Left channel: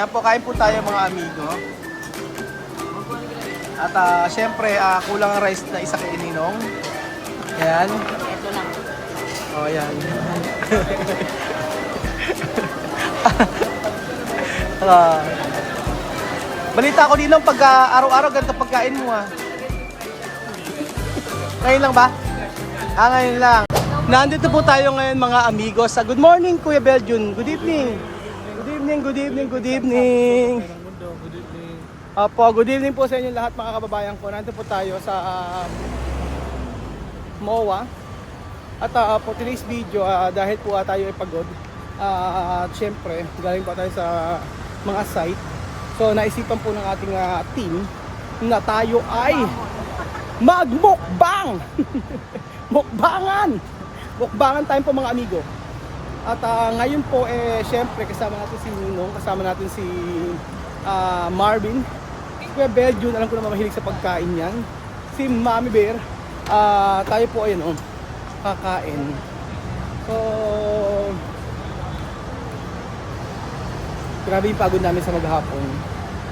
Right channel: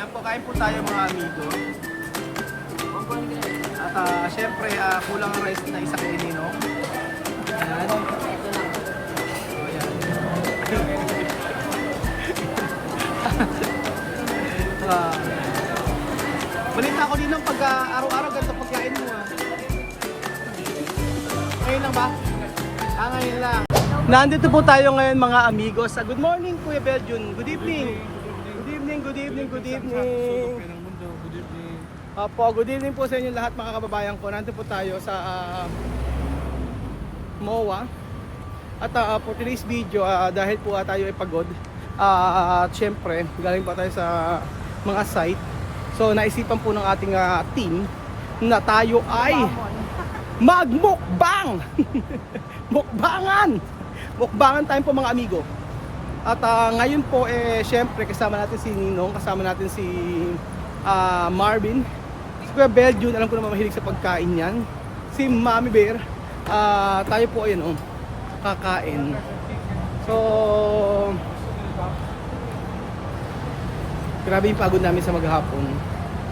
Ayan po, kain po tayo mga amigo. At syempre, kulang ang rice na isa kay Ninong. Ayan. O, ayan. Balita ko Ninong, pag araw-araw ganito pagkain mo Ngayon lang ba? Ngayon lang. Nandito po tayo ngayon mga amigos. Good morning Kuya Beljun. Good evening. Good evening, good evening, good evening. Opo, good evening po sa inyo lahat mga kababayan ko. Nandito po tayo sa MOA. At po today's video, dahil po tayo ay pagod. At syempre, galing pa tayo sa mga site. So naisipan po ng ating team na tayo ay magmukbang. Mukbangan tayo po mga amigo. At ngayon po syempre kasama natin si Ninong, kasama natin si Marvin, si Kuya Beljun, alam ko naman mahilig sa pagkain yan, si Mami Bear. Tayo po ayun kakain. So grabe yung pagod namin sa maghapon.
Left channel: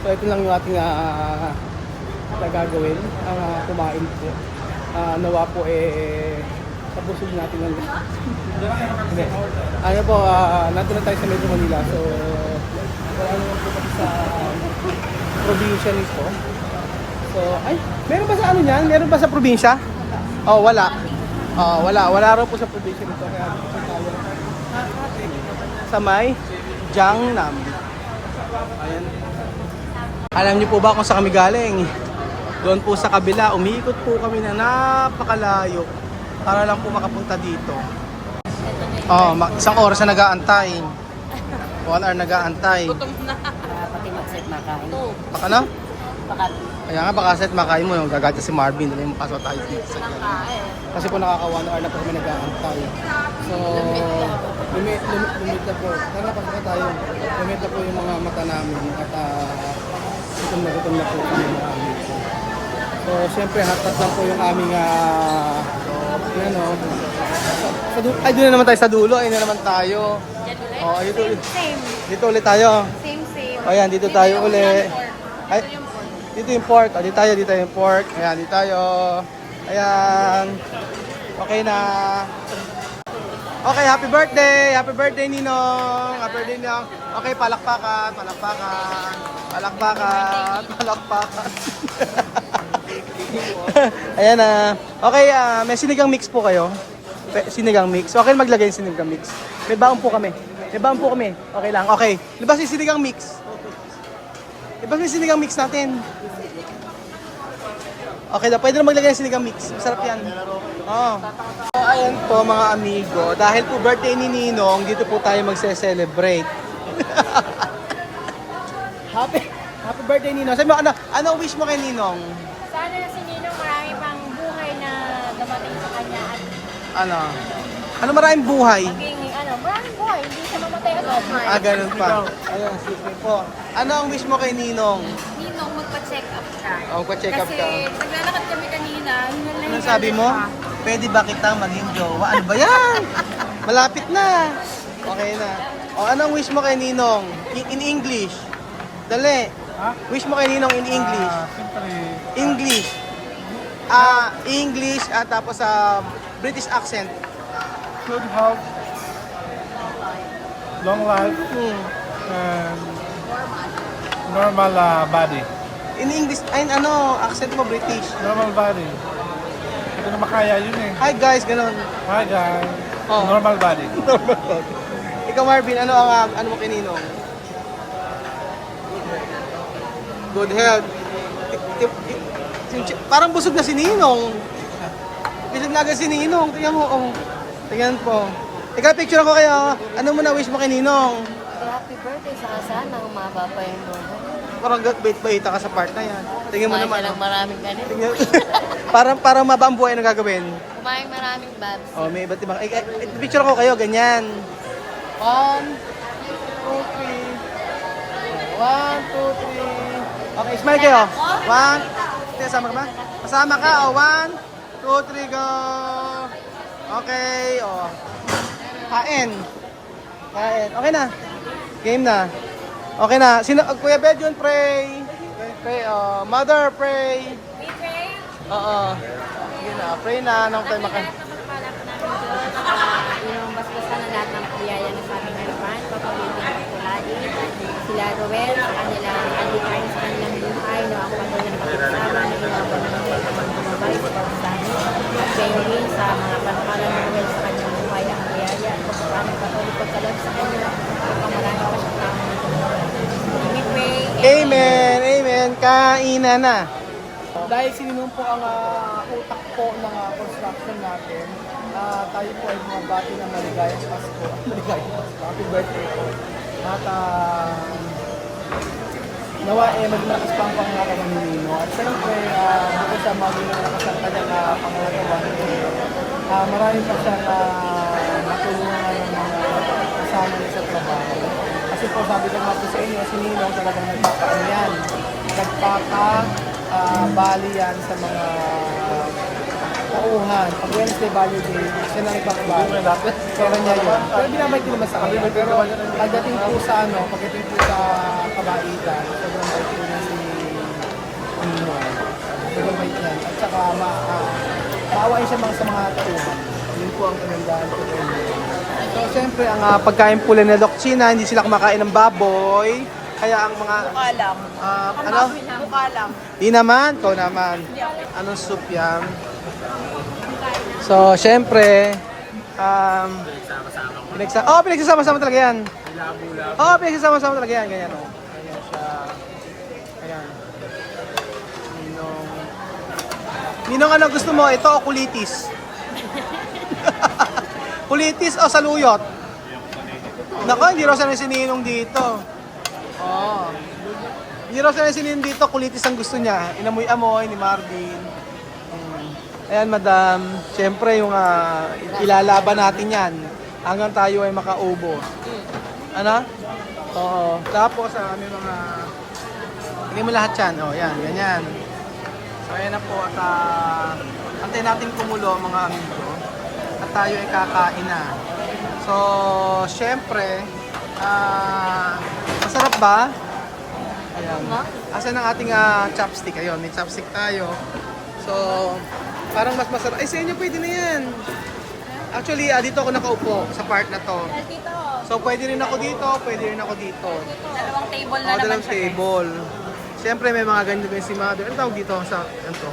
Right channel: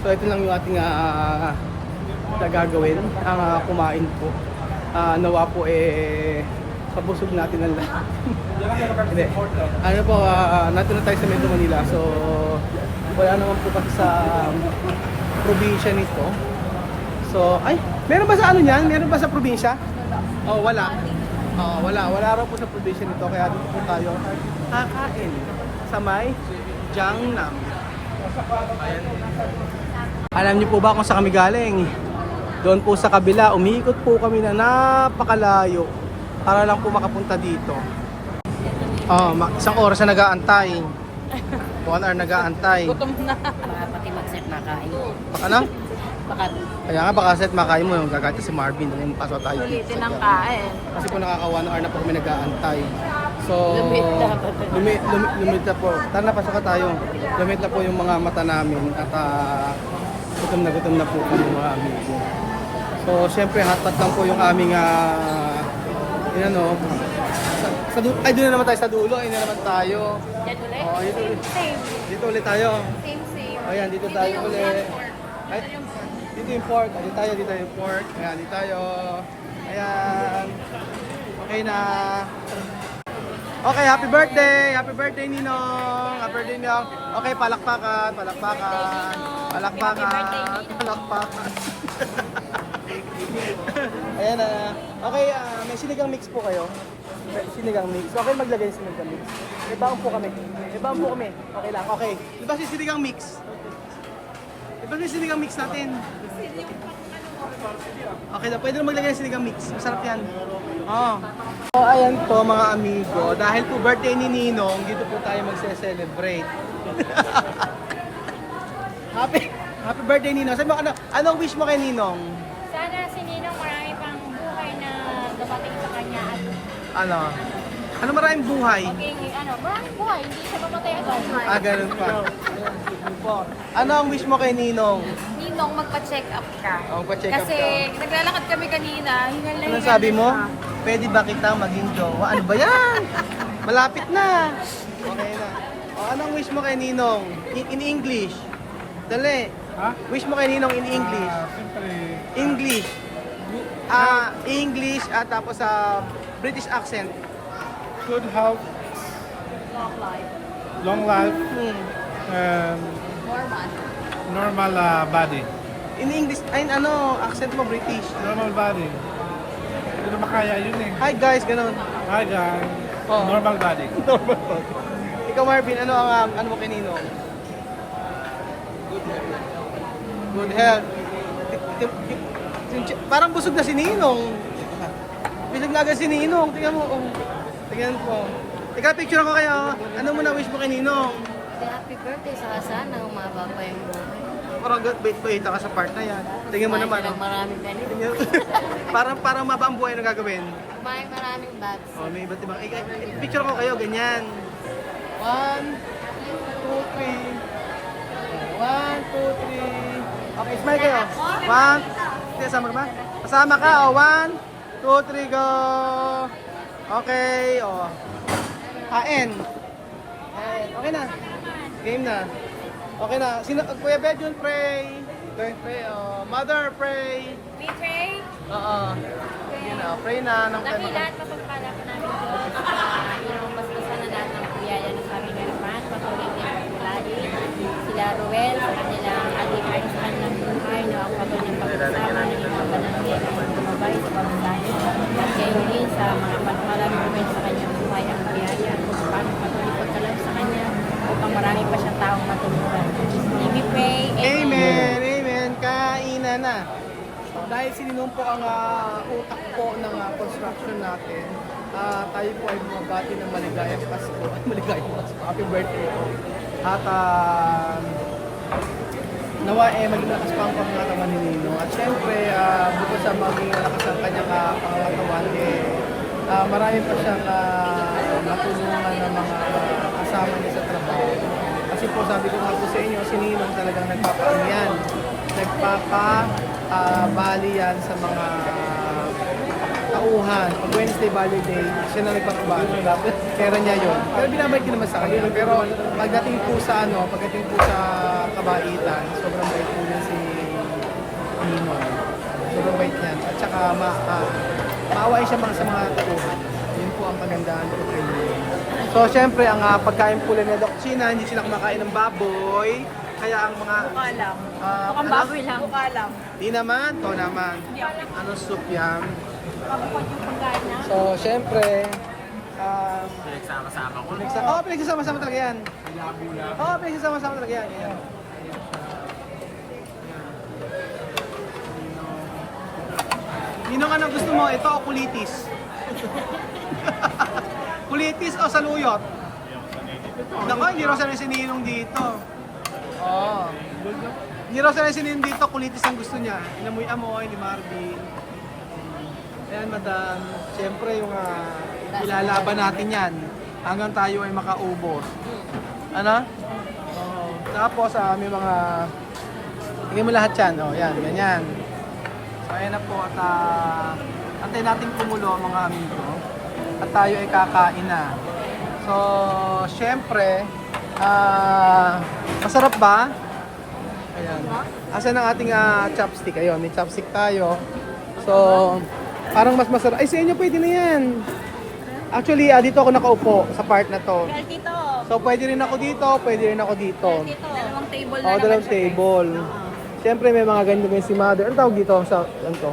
So ito lang yung ating gagawin, ang kumain po. Nawa po kabusog natin ang lahat. Hindi. Ano po, natin na tayo sa Metro Manila. So wala naman po kasi sa probinsya nito. So, meron ba sa ano niyan? Meron ba sa probinsya? Oh, wala. Wala rin po sa probinsya nito. Kaya dito po tayo kakain sa may Jiangnam. Ayan. Alam niyo po ba kung saan kami galing? Doon po sa kabila, umiikot po kami na napakalayo para lang po makapunta dito. Isang oras na nag-aantay. 1 hour nag-aantay. Baka pati mag-set makain. Baka na? Baka. Kaya nga baka set makain mo yung gagata si Marvin. Dali mo pasok tayo dito sa Jiangnam. Kasi po nakaka 1 hour na po kami nag-aantay. So, lumit na po. Tara na, pasok tayo. Lumit na po yung mga mata namin. At gutom na po kami mga amigo. So, syempre hotpot lang po yung aming doon na naman tayo sa dulo. Ayun na naman tayo. Dito ulit tayo. Ayan, dito tayo ulit. Ay, dito yung pork. Dito yung pork. Ayan, dito tayo. Ayan. Okay na. Okay, happy birthday! Happy birthday, Ninong! Happy birthday, Ninong! Okay, palakpakan. Ayan na. Okay, may sinigang mix po kayo. Sinigang mix. Okay, maglagay yung sinigang mix. May baon po kami. Okay lang. Okay. Libas yung sinigang mix. Libas yung sinigang mix natin. Okay, pwede na maglagay yung sinigang mix. Masarap yan. So, ayan po mga amigo. Dahil po birthday ni Ninong, dito po tayo magse-celebrate. Happy birthday, Ninong. Sabi mo, ano wish mo kay Ninong? Sana si Ninong marami pang buhay na dumating sa kanya at Ano maraming buhay? maraming buhay, hindi siya mamatay agad. Ganun pa. Ayun, excuse me po. Ano ang wish mo kay Ninong? Ninong, magpa-check up ka. Magpa-check up ka. Kasi naglalakad kami kanina. Anong sabi mo? Pwede ba kitang maging jowa? Ano ba yan? Malapit na. Okay na. Anong wish mo kay Ninong? In English. Dali. Wish mo kay Ninong in English. English. English at tapos British accent. Good health, long life, and normal body. In English, accent mo British. Normal body. Hindi na makaya yun eh. Hi guys, ganun. Hi guys. Oh. Normal body. Ikaw Marvin, ano mo kay Ninong? Good health. Parang busog na si Ninong. Busog na agad si Ninong. Tingnan mo, tingnan po. Ikaw, picture ako kayo. Ano mo na wish mo kay Ninong? Happy birthday sa sana, umaba pa yung buhay. Parang bait-baita ka sa part na yan. Tingnan mo naman. Maraming ganito. Tingnan. Parang maba ang buhay na gagawin. Kumain maraming babs. May iba't ibang. Picture ako kayo, ganyan. 1, 2, 3. 1, 2, 3. Okay, smile kayo. 1. Kasama ka ba? Kasama ka. 1, 2, 3, go. Okay, Kain. Okay na. Game na. Okay na. Kuya Bedyon, pray. Pray. Mother, pray. We pray. Oo. Sige na. Pray na. Nang tayo Lagi lahat na pagpala po namin Diyos. Yung basbasan na lahat ng biyaya ng aming harapan. Patuloy din pagkulain. Sila Ruel sa kanilang alikain sa kanilang buhay. No, ang patuloy ng pagkasama ng mga banangin ang bumabay sa pagkasani. At gayon din sa mga pagpala ng Ruel sa kanyang buhay ang biyaya at pagkasama patuloy pagkalag sa kanya upang marami pa siyang taong matulungan. We pray. Amen. Amen. Kainan na. Dahil sinunong po ang utak po ng construction natin, tayo po ay bumabati ng maligayang Pasko. Maligayang Pasko. Happy birthday po. At nawa maging malakas pa ang pangangatawan ni Nino. At syempre, bukod sa maging malakas ang kanyang pangangatawan, marami pa siyang natulungan ng mga kasama niya sa trabaho. Kasi po sabi ko nga po sa inyo, si Ninong talagang nagpapaanyan. Bali yan sa mga tauhan. Pag Wednesday Bali Day, siya na nagpapabali. Pera niya yun. Pero binabay din naman sa kanya. Pero pagdating po sa kabaitan, sobrang bait po niya si Ninong. Sobrang bait niya. At saka maawain siya sa mga tauhan. Yun po ang kagandahan po kay Ninong. So syempre, ang pagkain po nila Doc China, hindi sila kumakain ng baboy. Kaya ang mga... Bukalam. ano? Bukalam. Di naman, ikaw naman. Anong soup yan? So, syempre, pinagsasama-sama talaga yan. Pinagsasama-sama talaga yan. Ganyan. Ninong, ano gusto mo? Ito o kulitis? Kulitis o saluyot? Nako, hindi raw sanay si Ninong dito. Oo. Hindi raw sanay si Ninong dito, kulitis ang gusto niya. Inamoy-amoy ni Marvin. Ayan, madam. Siyempre, yung ilalaban natin yan hanggang tayo ay makaubos. Ano? Oo. Tapos, may mga... Tingnan mo lahat yan. O, yan. Ganyan. So, ayan na po. At antay natin kumulo, mga amigo. At tayo ay kakain na. So, siyempre, masarap ba? Ayan. Asan ang ating chopstick? Ayun, may chopstick tayo. So, parang mas masarap. Ay, sa inyo pwede na yan. Actually, dito ako nakaupo sa part na to. So, pwede rin ako dito, pwede rin ako dito. Dalawang table Oo, dalawang table. Siyempre, may mga ganyan din si mother. Ano tawag dito sa, ano to?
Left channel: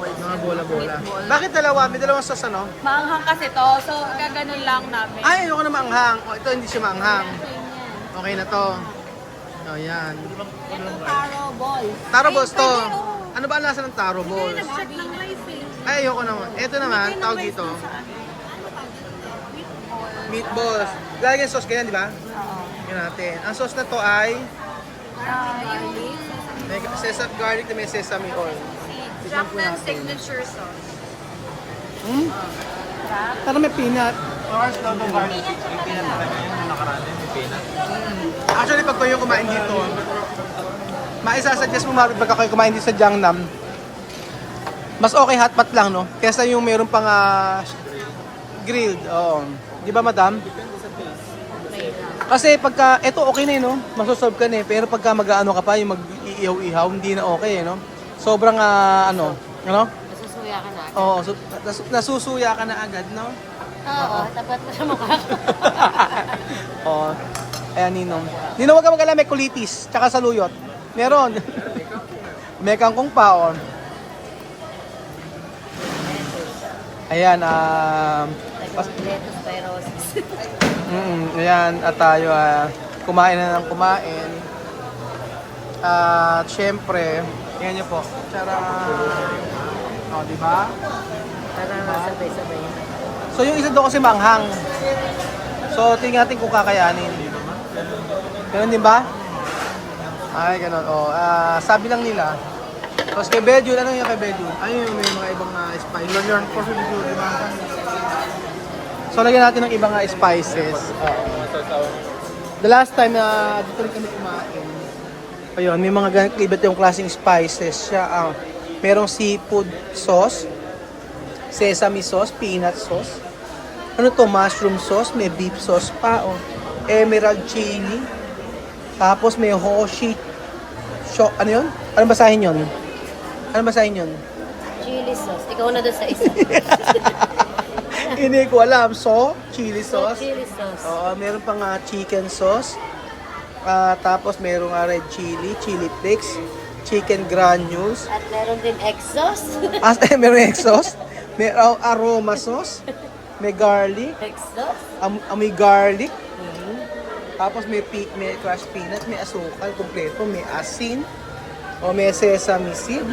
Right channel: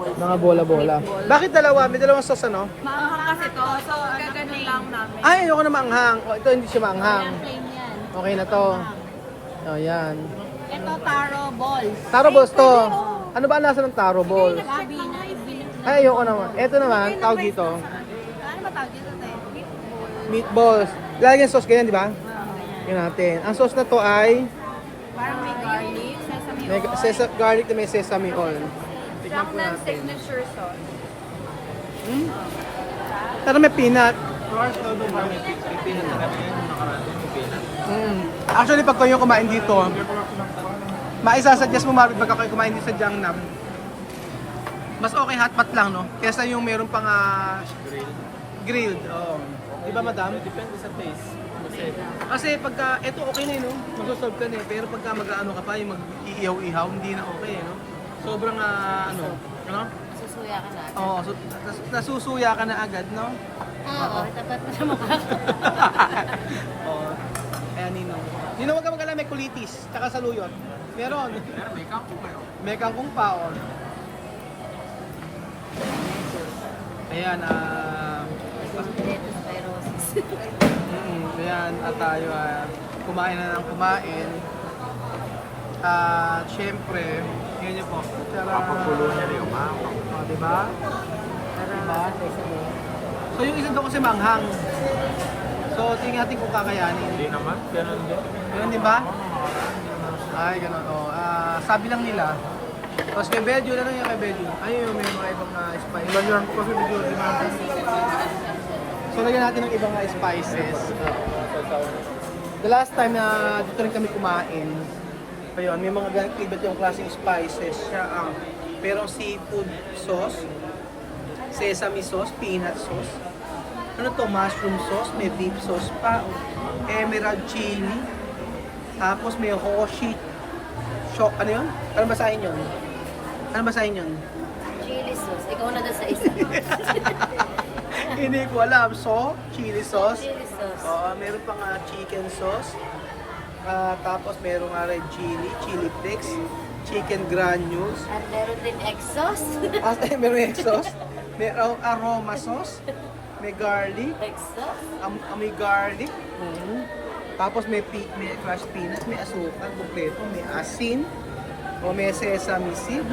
Mga bola-bola. Bakit dalawa? May dalawang sauce, ano? Maanghang kasi to, so gaganon lang namin. Ay, ayoko na maanghang. O, ito hindi siya maanghang. Okay na to. O, yan. Ito, taro balls. Taro balls to. Ano ba ang lasa ng taro balls? Check lang nga yung Philippines. Ay, ayoko naman. Ito naman, tawag dito. Ano ba tawag dito? Meatballs. Lagyan sauce ganyan, di ba? Yan natin. Ang sauce na to ay garlic na may sesame ko. Tikman po natin. signature sauce. Pero may peanut. Actually, pag kayo kumain dito, maisasuggest mo Marvin pagka kayo kumain dito sa Jiangnam, mas okay hot pot lang, no? Kesa yung meron pang grilled. Oo. Di ba, madam? Kasi pagka, eto okay na no? Masosolve ka na pero pagka mag-ano ka pa, yung mag-iihaw-ihaw, hindi na okay, no? Sobrang, ano? Nasusuya ka na. Oo, nasusuya ka na agad, no? Oo, tapat mo sa mukha. Oo. Ayan, Ninong. Ninong, huwag ka mag-alala, may kulitis, tsaka saluyot. Meron. May kangkong pa, oh. Ayan, ayan, at tayo kumain na ng kumain. At syempre, ayan nyo po. Tara! O, diba? Diba? So yung isa doon kasi manghang. So tingnan natin kung kakayanin. Ganun din ba? Ay, ganun. O, sabi lang nila. Tapos kay Bedjun, ano yung kay Bedjun? Ayun yung may mga ibang spices. Lagyan ko si Bidyo, di ba? So lagyan natin ng ibang spices. The last time dito rin kami kumain, ayun, may mga iba't yung klaseng spices siya. Merong seafood sauce, sesame sauce, peanut sauce. Ano to? Mushroom sauce, may beef sauce pa. Emerald chili. Tapos may Hoshi. Ano yun? Ano basahin yun? Ano basahin yun? Chili sauce. Ikaw na doon sa isa. Hindi ko alam. So, chili sauce. Chili sauce. Oo, meron pang chicken sauce. Tapos meron red chili, chili flakes, chicken granules. At meron din exhaust. Meron exhaust. May aroma sauce. May garlic. Exhaust? May garlic. Tapos may crushed peanut, may asukal kompleto, may asin. O may sesame seed.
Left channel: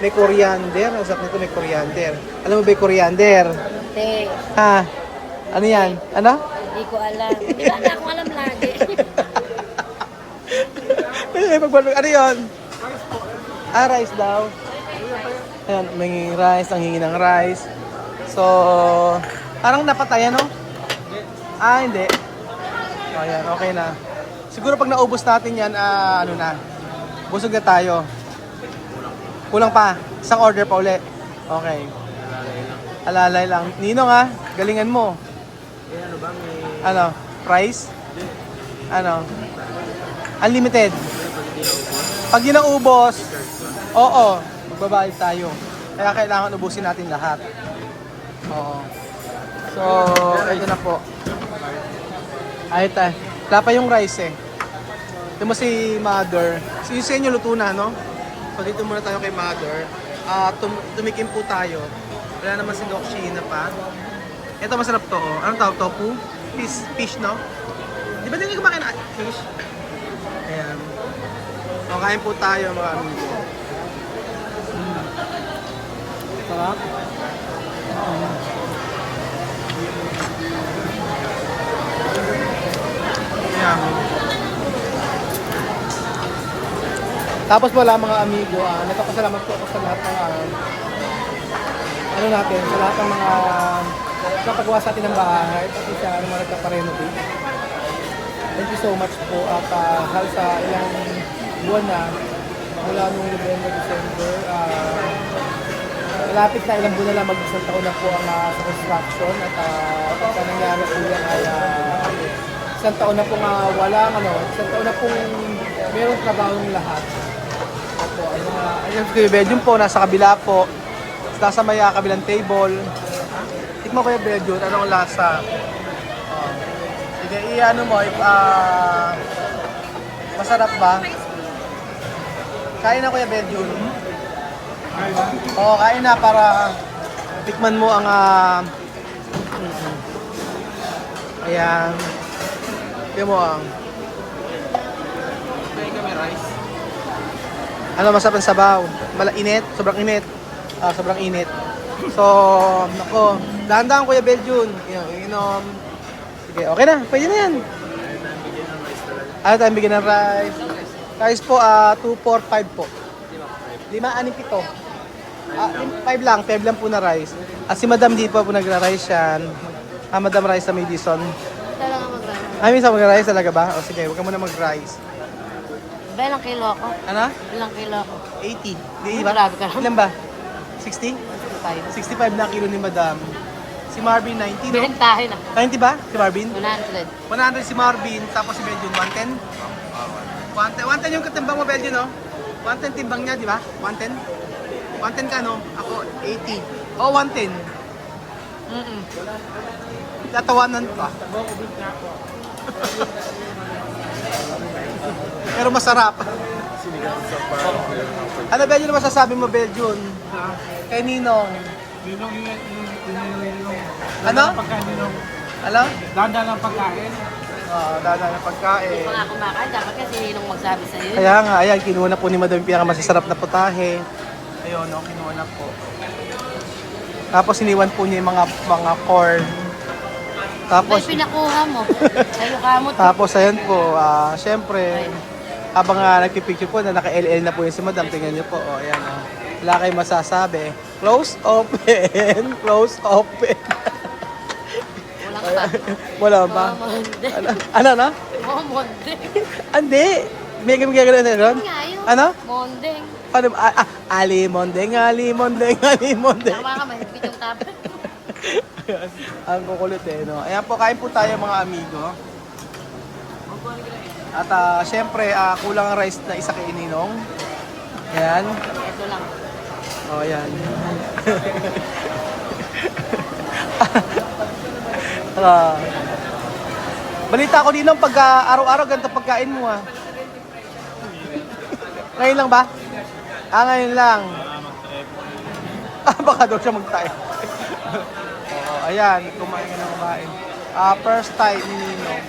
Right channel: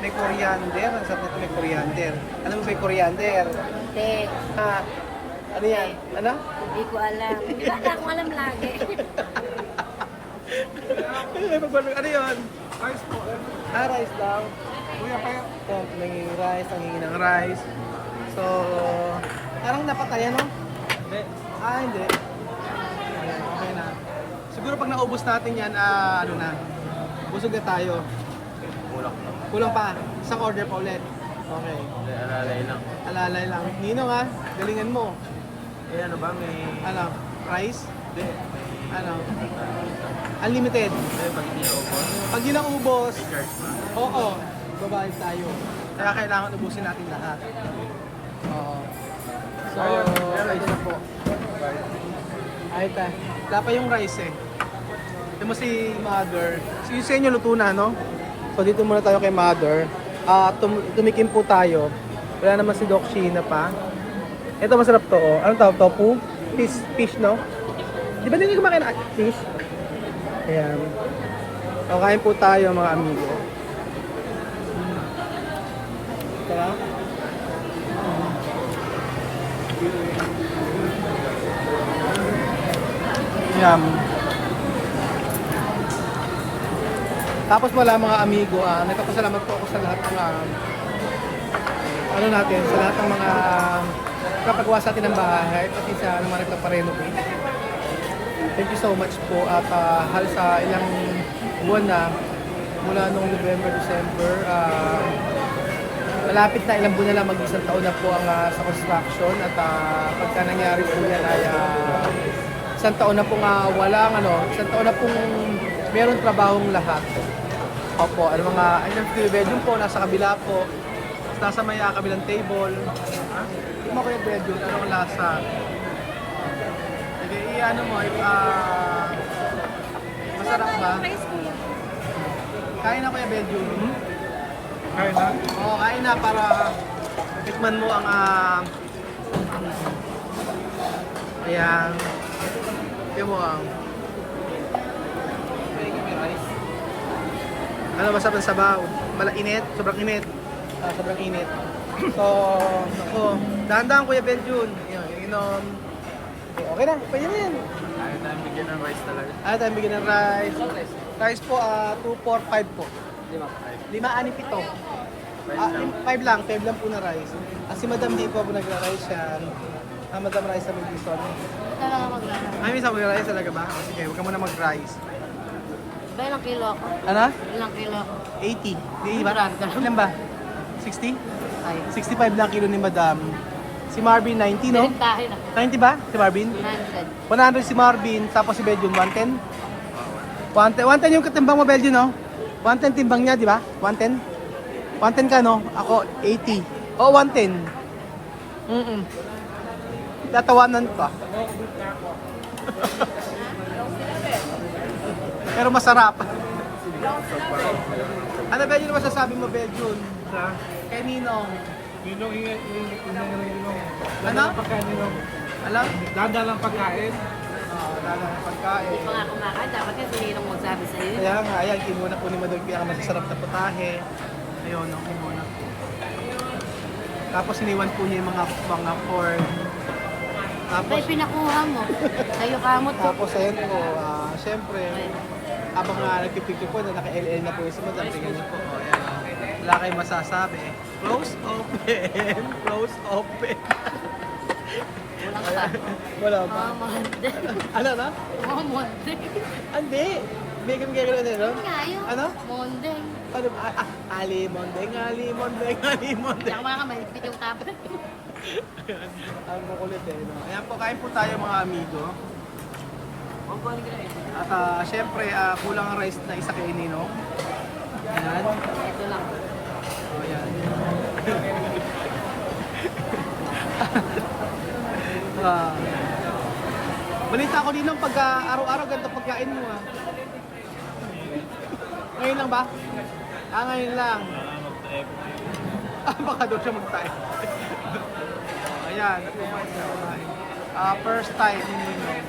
May coriander. Ang sarap nito, may coriander. Alam mo ba yung coriander? Hindi. Ano yan? Ano? Hindi ko alam. Hindi ba na ako alam lagi? Ano yun? Rice daw. Ayan, may rice, ang hingi ng rice. So, parang napatay, ano? Hindi. Hindi. Ayan, okay na. Siguro pag naubos natin yan, ano na, busog na tayo. Kulang pa. Isang order pa uli. Okay. Alalay lang. Alalay lang. Ninong ha, galingan mo. Ano ba? May... Ano, price? Hindi. Ano? Unlimited. Pag hindi naubos, Pag yun ang ubos, charge ba? oo, babayad tayo. Kaya kailangan ubusin natin lahat. Oo. So, ito na po. Ay, wala pa yung rice eh. Ito mo si Mother. Si sa inyo luto na, no? So, dito muna tayo kay Mother. Tumikim po tayo. Wala naman si Doc Sheena pa. Ito masarap to, oh. Anong tawag? Tofu? Fish, no? Di ba hindi kumakain ng fish? Ayan. O, kain po tayo mga amigo. Sarap. Ayan. Tapos wala mga amigo, nagpapasalamat po ako sa lahat ng ano natin, sa lahat ng mga kapagawa sa atin ng bahay, pati sa mga nagpaparenovate. Thank you so much po at halos sa ilang buwan na mula nung November, December, malapit na ilang buwan na lang, mag-isang taon na po ang sa construction at pagka nangyari po yan ay isang taon na pong isang taon na pong meron trabahong lahat. Opo, ano mga, yung bedroom po, nasa kabila po, nasa may kabilang table. Tikmo ko yung bedroom, anong lasa? Sige, i-ano mo, masarap ba? Kain na kuya bedroom. Kaya na? Oo, kain na para tikman mo ang ayan. Tignan mo ang ano, masarap ang sabaw. Init, sobrang init. Sobrang init. So, nako, dahan-dahan kuya Beljun. Inom. Sige, okay na, pwede na yan. Ayaw tayong bigyan ng rice talaga. Ayaw tayong bigyan ng rice. Rice po, 2, 4, 5 po. 5, 6, 5 lang. 5 lang po na rice. Si Madam di pa po nagra-rice yan. Madam Rice sa Madison. Talaga mag-rice. Minsan mag-rice talaga ba? O sige, huwag ka muna mag-rice. Ba, ilang kilo ko? Ano? Ilang kilo ko? 80. Di ba? Grabe ka. Ilan ba? 60? 65 na kilo ni Madam. Si Marvin, 90, no? Bentahin na. 90 ba? Si Marvin? 100. 100 si Marvin, tapos si Beljun, 110? 110 yung katimbang mo, Beljun, no? 110 timbang niya, di ba? 110? 110 ka, no? Ako, 80. Oh, 110. Tatawanan pa. Pero masarap. Ano ba yun masasabi mo, Beljun? Sa? Kay Ninong. Ninong Ano? Pagkain ninong. Alam? Dada lang pagkain. Dala ng pagkain. Mga kumakain, dapat kasi ninong magsabi sa iyo. Kaya nga, ayan, kinuha na po ni Madam yung pinakamasasarap na putahe. Ayun, no, kinuha na po. Tapos iniwan po niya yung mga corn. Tapos, May pinakuha mo. Lalo ka mo. tapos ayun po, syempre, habang nagpipicture po, na naka-LL na po yung si Madam, tingnan niyo po, ayan, wala kayong masasabi. Close, open, close, open. Ayan, wala ba? Monday. Ano, no? Monday. Hindi. May gagawin na ron? Nga yun. Ano? Monday. Ano ba? Ali Mondeng, Ali Mondeng, Ali Mondeng. Tama ka, may yung tabi. Ang kukulit eh, no? Ayan po, kain po tayo mga amigo. At syempre, kulang ang rice na isa kay Ninong. Ayan. Oh, ayan. Balita ko Ninong, pagka araw-araw ganito pagkain mo ah. Ngayon lang ba? Ngayon lang. Baka daw siya magtayo. Ayan, kumain na kumain. First time ni Ninong.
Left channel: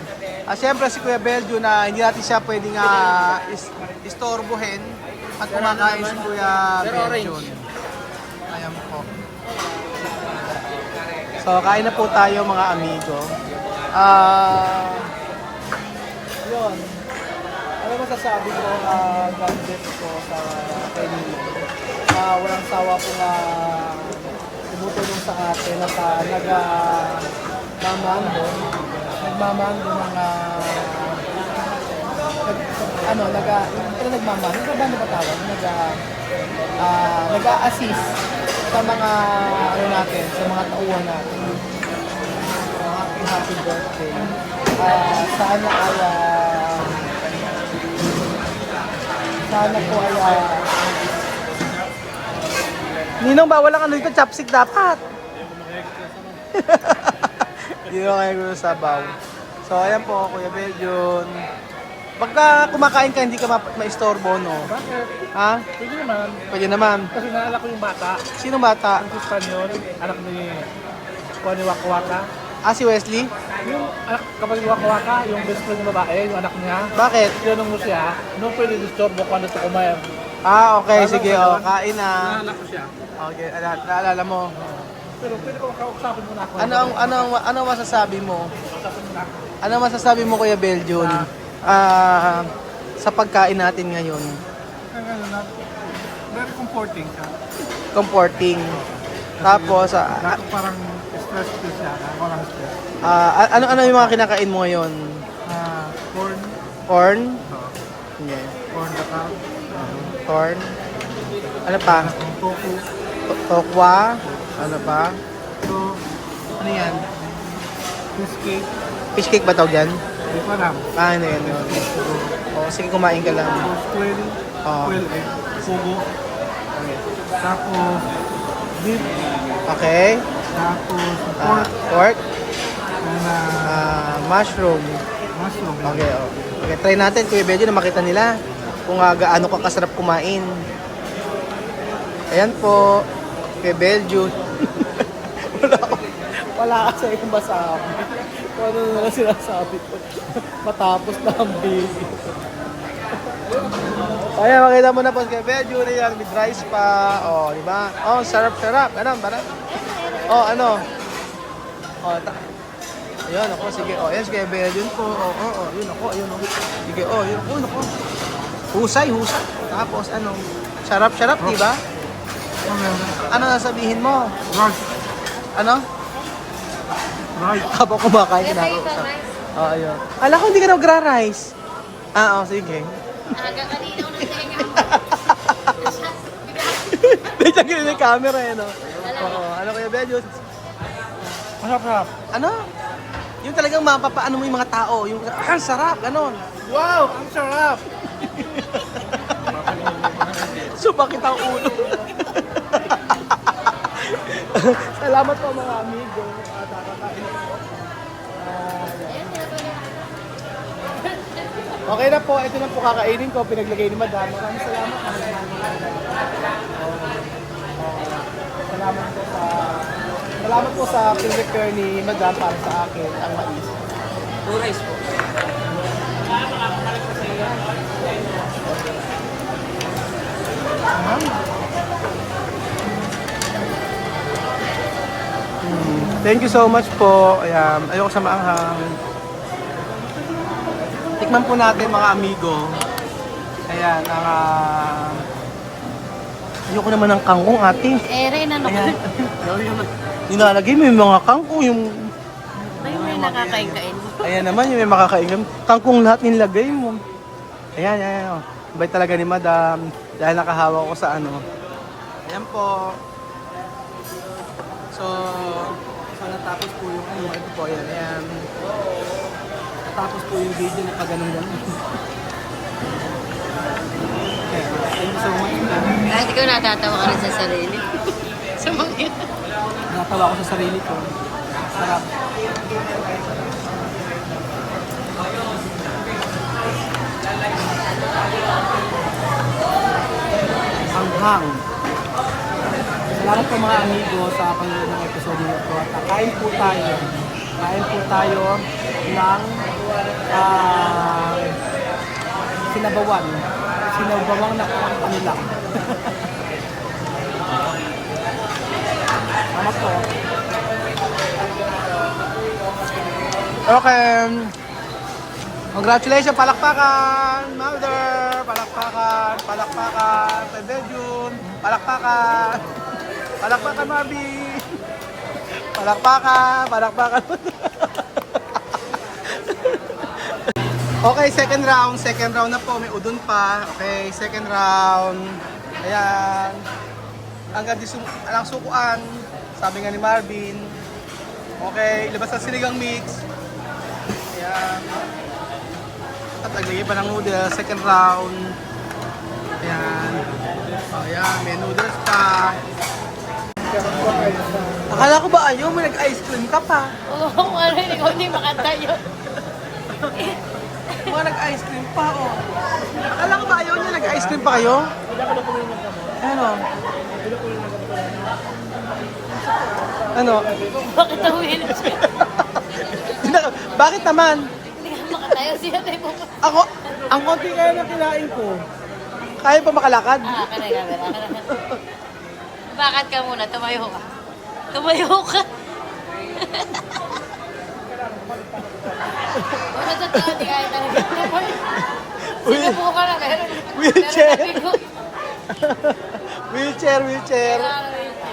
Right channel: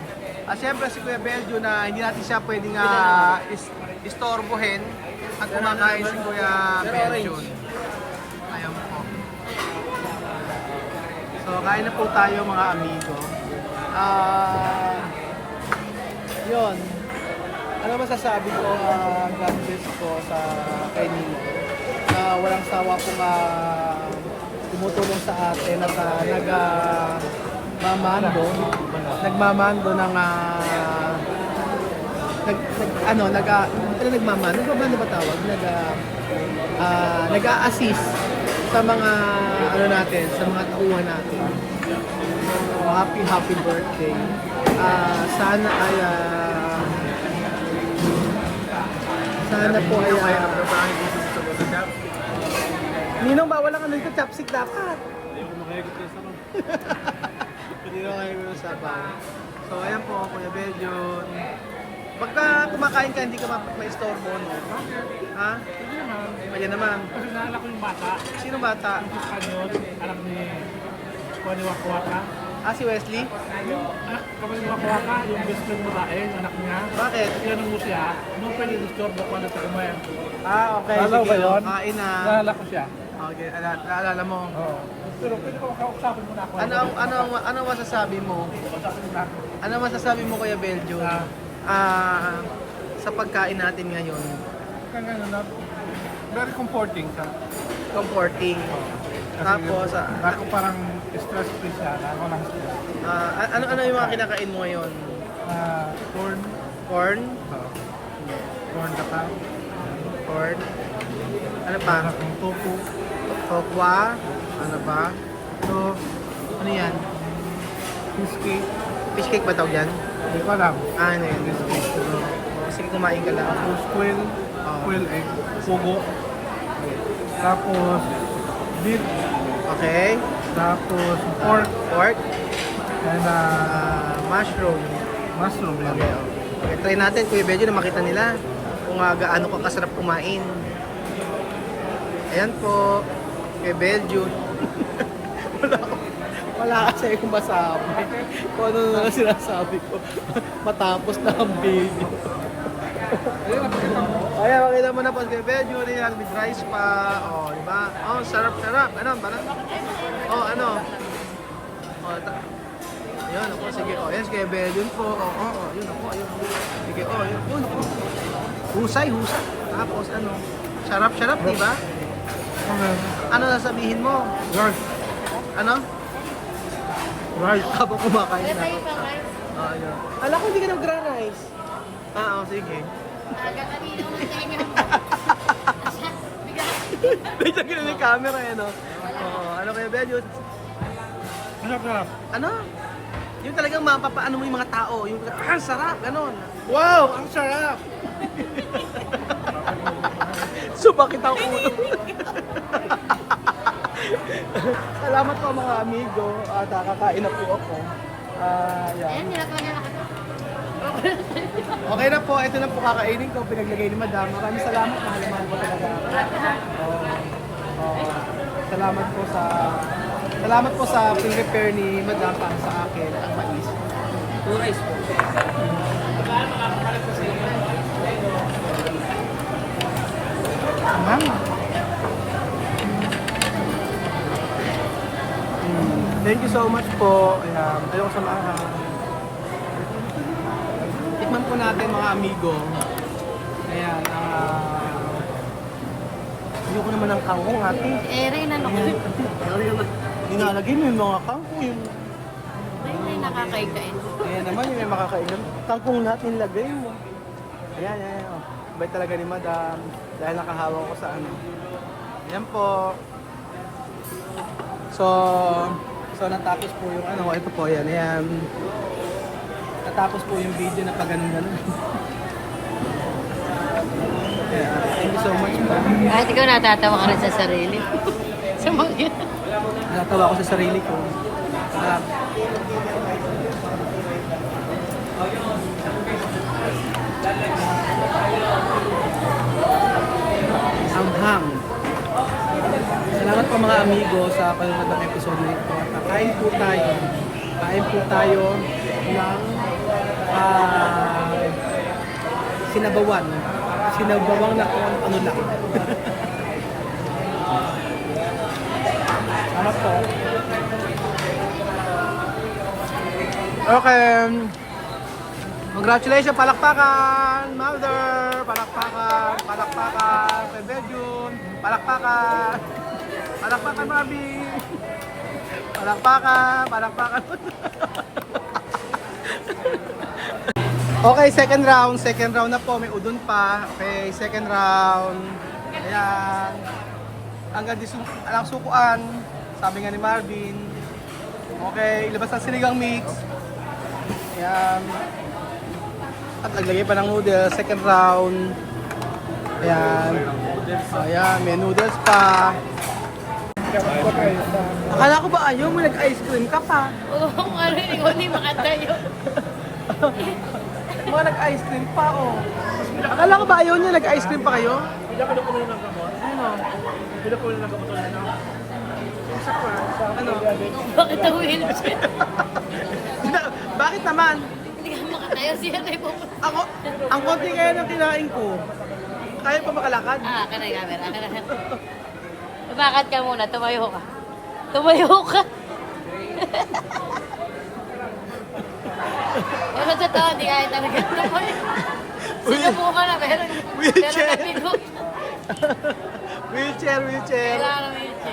Siyempre si Kuya Beljo na hindi natin siya pwedeng istorbohin at kumakain si Kuya Beljo. Ayan po. So, kain na po tayo mga amigo. Yun. Ano masasabi ko, God bless ko sa kay Ninong. Walang sawa pong tumutulong sa atin at nagmamando ng nagbabando ba tawag? Nag-a-assist sa mga natin, sa mga tauhan natin. Happy birthday. Sana po ay Ninong, bawal lang dito, chopstick dapat. Hindi mo kaya gusto sabaw. So, ayan po, Kuya Beljon. Pagka kumakain ka, hindi ka ma-istorbo, no? Bakit? Ha? Pwede naman. Pwede naman. Kasi naalala ko yung bata. Sino bata? Ang Espanyol, anak ni Connie Waka Waka. Si Wesley? Yung anak kapatid ni Waka Waka, yung best friend ng babae, yung anak niya. Bakit? Tinanong mo siya, anong pwede disturbo kung ano ito kumain? Okay, Alam sige, ba yun? kain na. Naalala ko siya. Okay, naalala mo. Oo. Pero pwede ko makausapin mo na ako. Ano masasabi mo? Usapin mo na ako. Ano masasabi mo, Kuya Beljon? Sa pagkain natin ngayon, Kaya ngayon na, very comforting siya. comforting. Kasi Tapos, dati parang stress-free siya, ako lang stress. ano yung mga kinakain mo ngayon? Corn, Corn? no, Yeah. corn dapat, Corn? Ano pa? anak ng tofu, Tokwa? Ano pa? so, Ano yan? fish cake, Fish cake ba tawag yan? hindi ko alam. Ano yan? Okay. Sige, kumain ka lang. Tapos quail, Oo. quail egg, pugo, Okay. tapos beef, Okay. tapos pork, Pork? and Mushroom. mushroom. Okay, okay. Okay, try natin, Kuya Beljo, na makita nila kung gaano ka kasarap kumain. Ayan po, Kuya Beljo. wala kasi akong masabi. Kung ano na lang sinasabi ko. Matapos na ang video. Okay, makita mo na po Kuya Beljo na yan with rice pa. Oh, di ba? Oh, sarap-sarap. Ano, ba? Oh, ano? Oh, ayun ako, sige. Oh, yan si Kuya Beljo po. Yun ako, ayun. Sige, yun ako. Husay. Tapos ano? Sarap-sarap, di ba? Okay. Ano sasabihin mo? Rice, Ano? rice. Habang kumakain na ako. Ayun. Alam ko hindi ka nagra-rice. Sige. Bigla yung camera eh, no? Oo, ano Kuya Beljo? Masarap. Ano? Yung talagang mapapaano mo yung mga tao. Yung, sarap, ganon. Wow, ang sarap. Sumakit ang ulo. Salamat po mga amigo. Kakain na po ako. Yan. Okay na po, ito na po kakainin ko. Pinaglagay ni Madam. Maraming salamat. Mahal na mahal ko talaga ako. Salamat po sa prepare ni Madam para sa akin ang mais. 2 rice po. Thank you so much po. Ayan, ayoko sa maanghang. Tikman po natin mga amigo. Ayan, ayoko naman ng kangkong ate. Rin, ano Ayan. Nilalagay mo yung mga kangkong, yung... Ayun yung nakakain-kain. Ayan naman, yung may makakain. Kangkong lahat nilagay mo. Ayan. Oh. Bait talaga ni Madam. Dahil nakahawa ko sa ano. Ayan po. So natapos po yung ano, ito po, ayan. Natapos po yung video na pag ganun-ganun. Kaya, thank you so much po. Kahit ikaw natatawa ka rin sa sarili. Sa mga Natatawa ako sa sarili ko. Sarap. Anghang. Salamat po mga amigo sa panonood ng episode nito. At kain po tayo. Kain po tayo ng sinabawan. Sinabawang na kung ano lang. Salamat po. Okay. Congratulations, palakpakan, Mother! Palakpakan, palakpakan, Pebejun, palakpakan, palakpakan, Mabi! Palakpakan, palakpakan. Okay, second round na po, may udon pa. Okay, second round. Ayan. Hanggang alang sukuan, sabi nga ni Marvin. Okay, ilabas ang sinigang mix. Ayan. At naglagay pa ng noodles, second round. Ayan. Ayan, may noodles pa. Akala ko ba ayaw mo nag-ice cream ka pa? Oo, ano hindi makanta yun. Mga nag-ice cream pa, oh. Akala ko ba ayaw nyo nag-ice cream pa kayo? Hindi ako nakulo ng gamot. Ano? Hindi nakulo ng gamot ulit. Ano? Bakit ang wheelchair? Bakit naman? Hindi ka makatayo siya tayo pumunta. Ako, ang konti kaya ng kinain ko. Kaya pa makalakad? Kanay camera, kanay. Maglakad ka muna, tumayo ka. Tumayo ka. Ano sa tao, di kaya talaga tumayo. Sinubo ka na, meron. Wheelchair. Meron na pinut. Wheelchair. Kailangan ng wheelchair.